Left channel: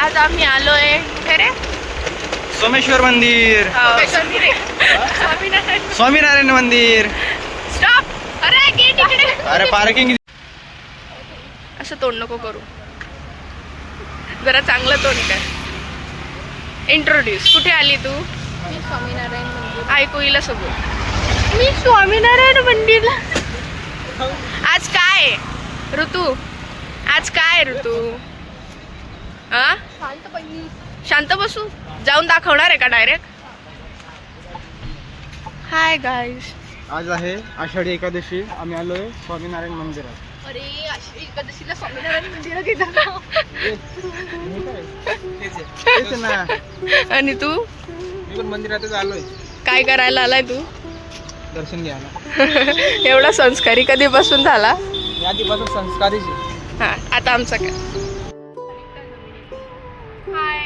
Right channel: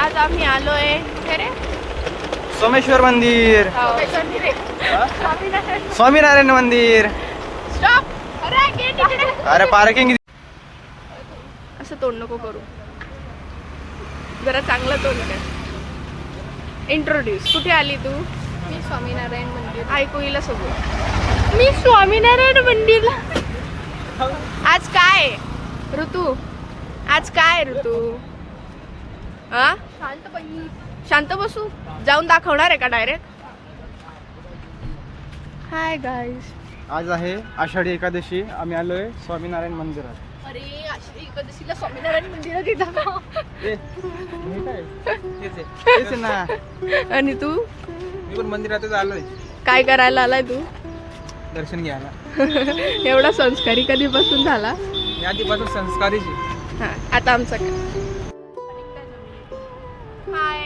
आज आम्ही आलोय कुठे रे? सोमेश्वर मंदिर, स्वामीनारायण मंदिर. स्टॉप. अरे गेट इकडे. अरे पार्किंग. असं तोंड नको करू, जरा चांगलं तोंड कर. इंट्रोड्यूस. कुठे आली तू? मी स्वामीनारायण मंदिर. ऐकू येईल सोबत. मी स्वामीनारायण मंदिरला. आज काय ऋतू? आज काय ऋतू? हा, शांत बसू. जाऊन दाखवणार आहे का डायरेक्ट? Hi guys. आज आहे आषाढी एकादशी. आम्ही आलोय स्वामीनारायण मंदिरात. अरे आषाढी एकादशीला स्वामीनारायण मंदिरात गेला का? तेच ना. आणि तू मी पण मंदिरातच आलोय. काय करायला आलाय तू? दर्शन घ्यायला. एवढा संस्कारी कधीपासून झाला? मी आधीपासून संस्कारीची. हा, आता आमचा काय? हाय.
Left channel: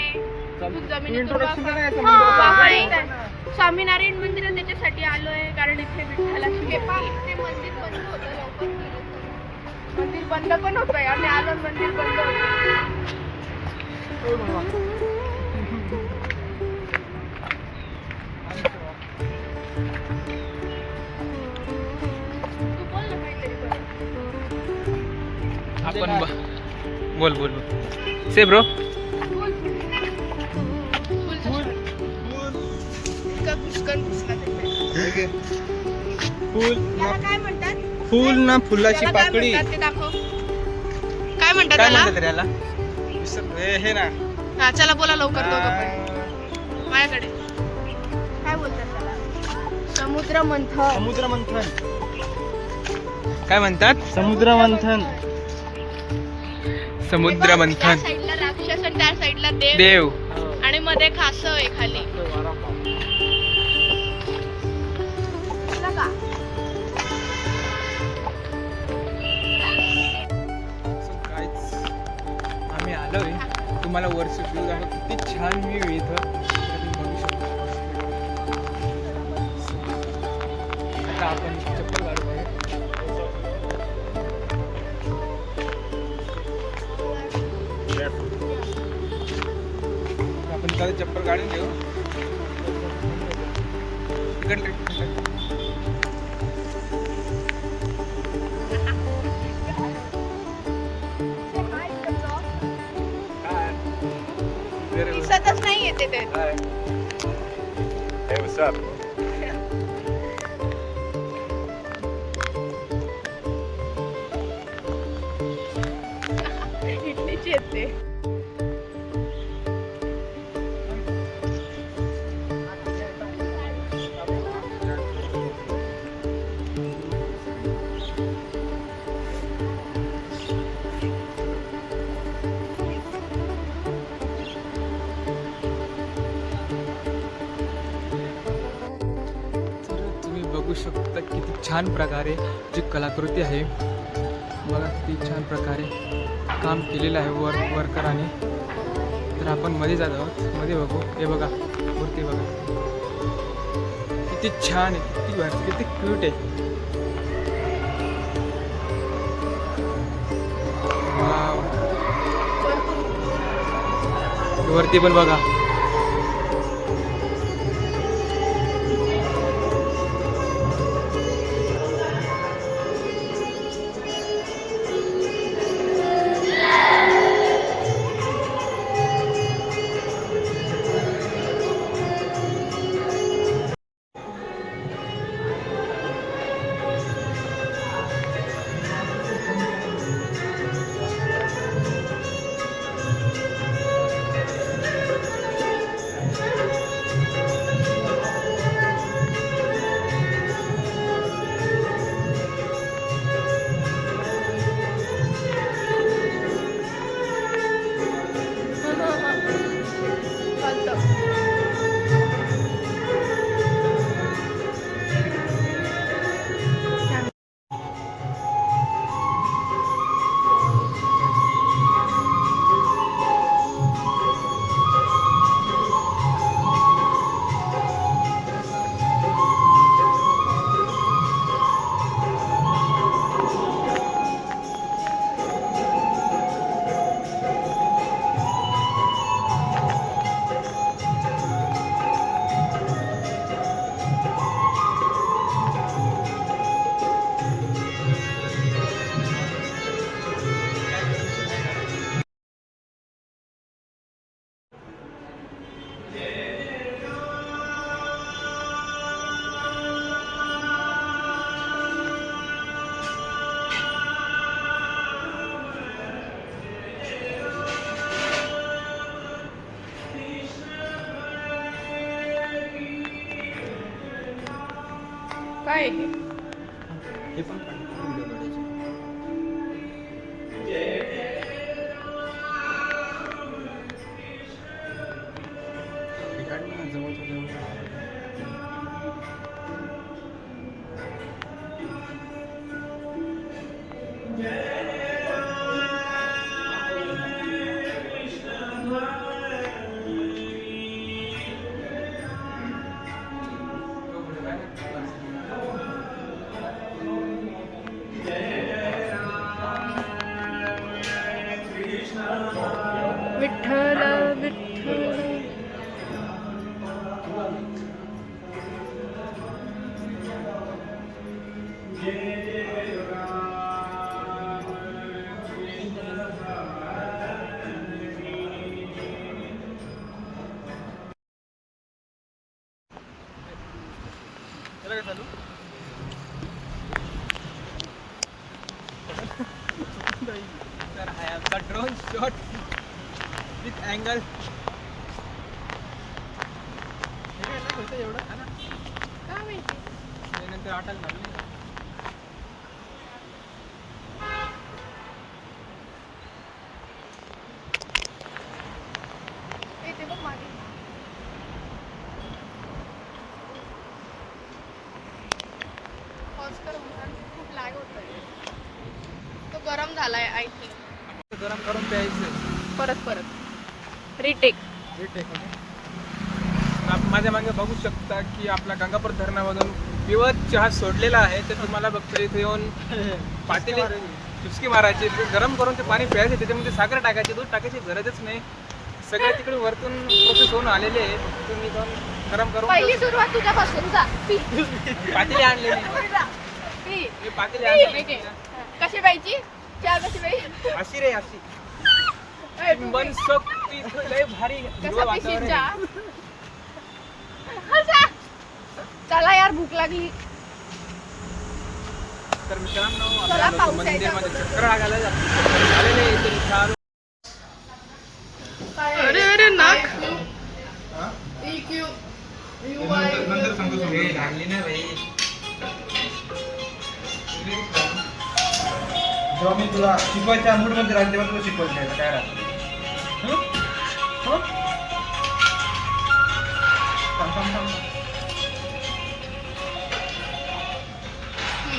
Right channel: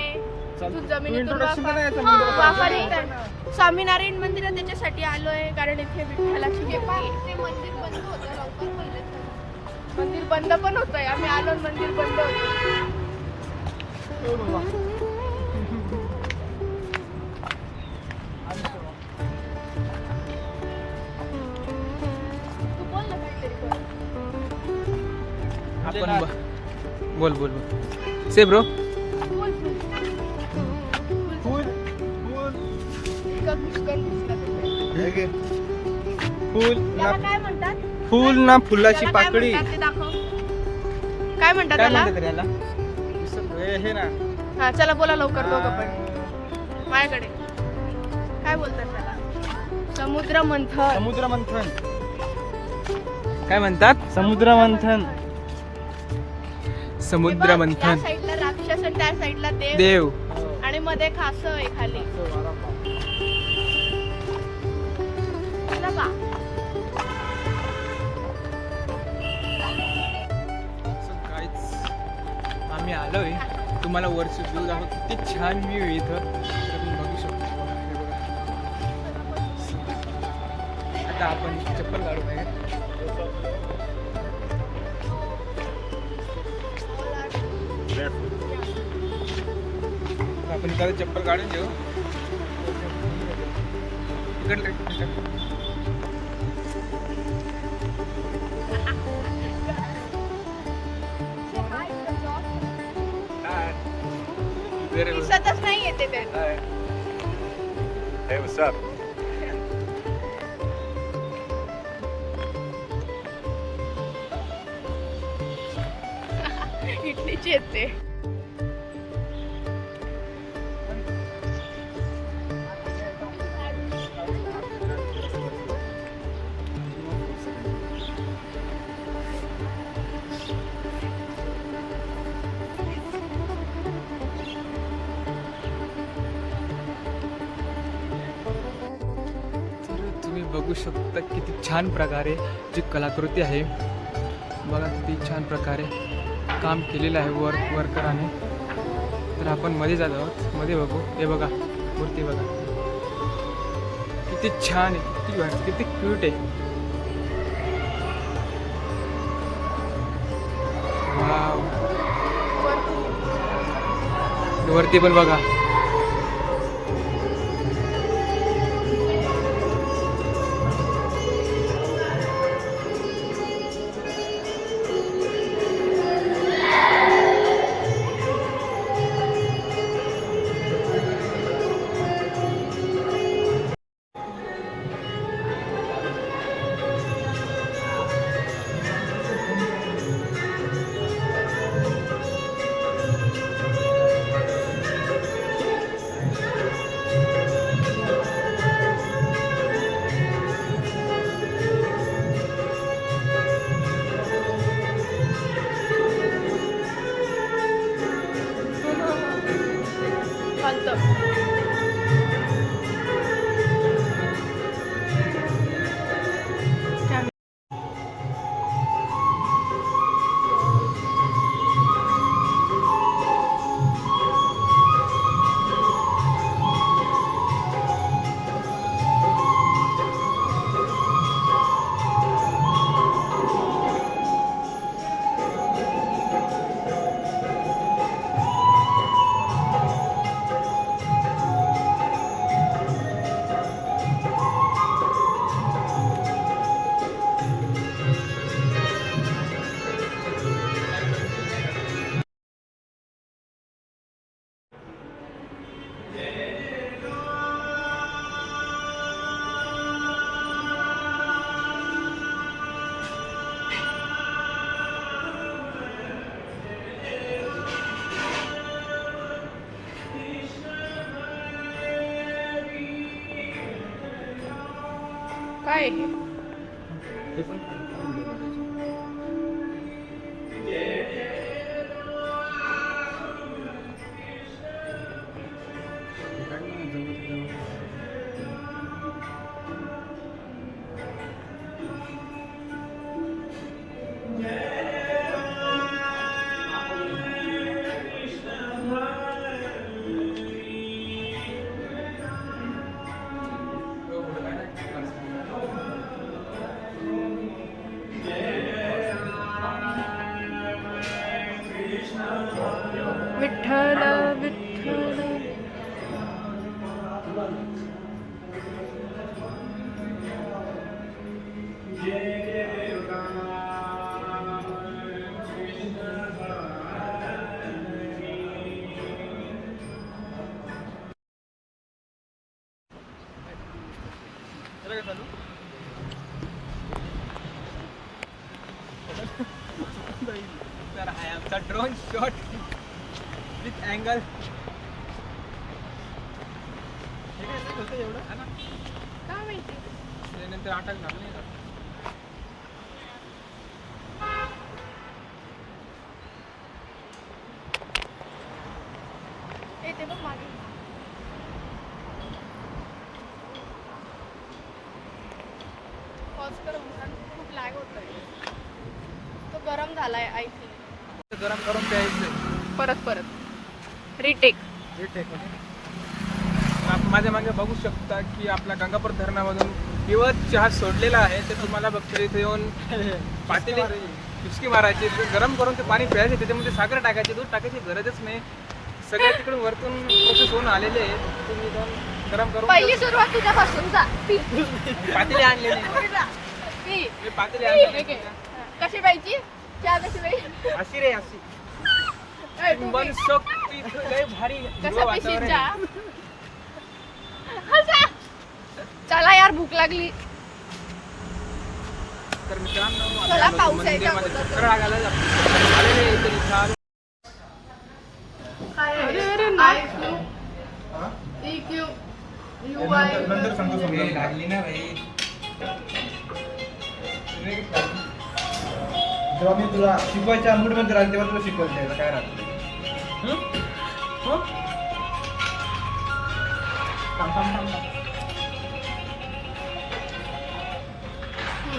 इंट्रोडक्शन करायचं हाय. स्वामीनारायण मंदिर त्याच्यासाठी आलोय कारण इथे विठ्ठलाची मंदिर बंद पण होतंय. आम्ही आलो मंदिर बंद होतं. आपण बोल बोल से ब्रो. फुल ना, काय म्हणतात? फुल ना फुलाची त्याला काय पाकळी. म्हणतात ते दाखव. काय म्हणतात काय त्याला? म्हणतात रे याला? हे ना. हा, चला बोला लवकर दोघं पण. माझ्याकडे काय बोलतात त्याला? समुद्र मंथन. समुद्र मंथन. काय म्हणतात? समुद्र मंथन. समुद्र मंथन. त्या साईडला राक्षस आणि त्या साईडला देव. आणि मध्ये खास आहे खाली. चला का? आम्ही आलोय. तुम्हाला वरची व्ह्यू दाखव. किती छान व्ह्यू आहे इथं. तुम्ही बघू शकता. आता आपण चप्पल काढू नये. आपण काय चप्पल काढून घेऊ. इकडे दिसतच नाही येते ते. Hey, what's up? इडलीची येते. तुम्ही बघू शकता किती छान प्रकारे जी कलाकृती आहे. बघा किती छान प्रकारे काम केलेलं आहे वर्कराने. तर आपण मध्ये जात आहोत. मध्ये बघू. हे बघा मूर्ती बघा किती छान आहे. किती क्यूट आहे. वाव. वरती पण बघा. काय आहे? हे पण व्हिडिओ काढायचे. हे काढ ना, जवळच्या जवळ. विठ्ठल विठ्ठल. तर हा आहे आमचा ड्रोन शॉट विथ अँगल. हे काय नाही होतं एवढं हा ना, काय माहिती. त्यानंतर आटाल ना. ते बघ मागे. पॉज कर कारण खूप लॅग होतोय. तो गरम झालाय आय थिंक. गरम करून प्यायचं. परत रिटेक. माझ्या मागे बघू शकता की आपला गंगापूर धरणामधून प्युअर चहा सोडलेला आहे. ते तुम्हाला बघतो इथे येऊन पातेले चुस्की मारायची, गरम करून ते पाणी प्यायचे, त्याच्यामध्ये साखर टाकायची, दूध टाकायची गरजच नाही. सगळे तिकडून वरतून प्रोसेस होऊन आलेले आहे. तुम्ही जाऊन गरम करून पहिली सुरुवात तिच्यापासून जा. पी. पातेले आणलेले. पी. मी पातेले पी. आणले. कशी पाहिजे चहा कशी पाहिजे अशी रे अशी मनसोक्त लय भारी हिरवं वातावरण आहे. चला यार भूक लागली. तर मित्रांनो आम्ही आलो होतो मंदिरमध्ये चक्कर लागायला आलेले इथे छान. अरे अरे नाक. नंतर सांगतो लागली ना भाई. जेव्हा मी तुला शिकवायच्या मूडमध्ये राहते तेव्हा तुला शिकवत नाही काय राहतं.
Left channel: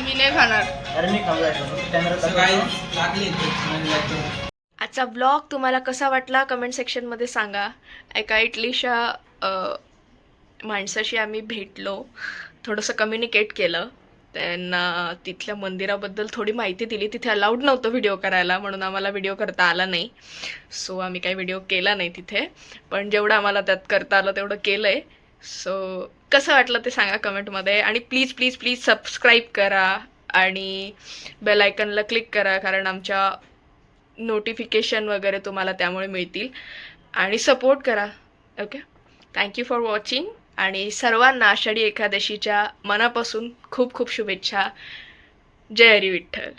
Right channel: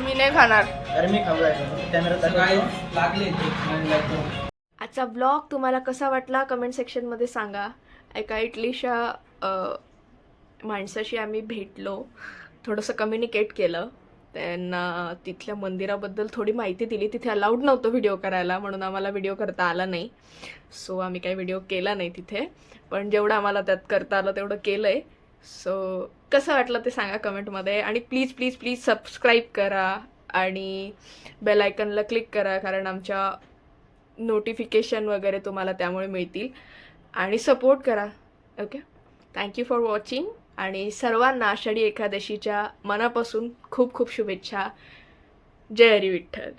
मी नाही खाणार. अरे मी खाऊ लागले. आजचा ब्लॉग तुम्हाला कसा वाटला कमेंट सेक्शनमध्ये सांगा. एका इटलीच्या माणसाशी आम्ही भेटलो, थोडंसं कम्युनिकेट केलं, त्यांना तिथल्या मंदिराबद्दल थोडी माहिती दिली. तिथे अलाउड नव्हतं व्हिडिओ करायला म्हणून आम्हाला व्हिडिओ करता आला नाही. सो आम्ही काही व्हिडिओ केला नाही तिथे, पण जेवढं आम्हाला त्यात करता आलं तेवढं केलं आहे. सो कसं वाटलं ते सांगा कमेंटमध्ये. आणि प्लीज प्लीज प्लीज सबस्क्राईब करा आणि बेल आयकनला क्लिक करा, कारण आमच्या नोटिफिकेशन वगैरे तुम्हाला त्यामुळे मिळतील. आणि सपोर्ट करा. Okay, thank you for watching. आणि सर्वांना आषाढी एकादशीच्या मनापासून खूप खूप शुभेच्छा. जय हरी विठ्ठल.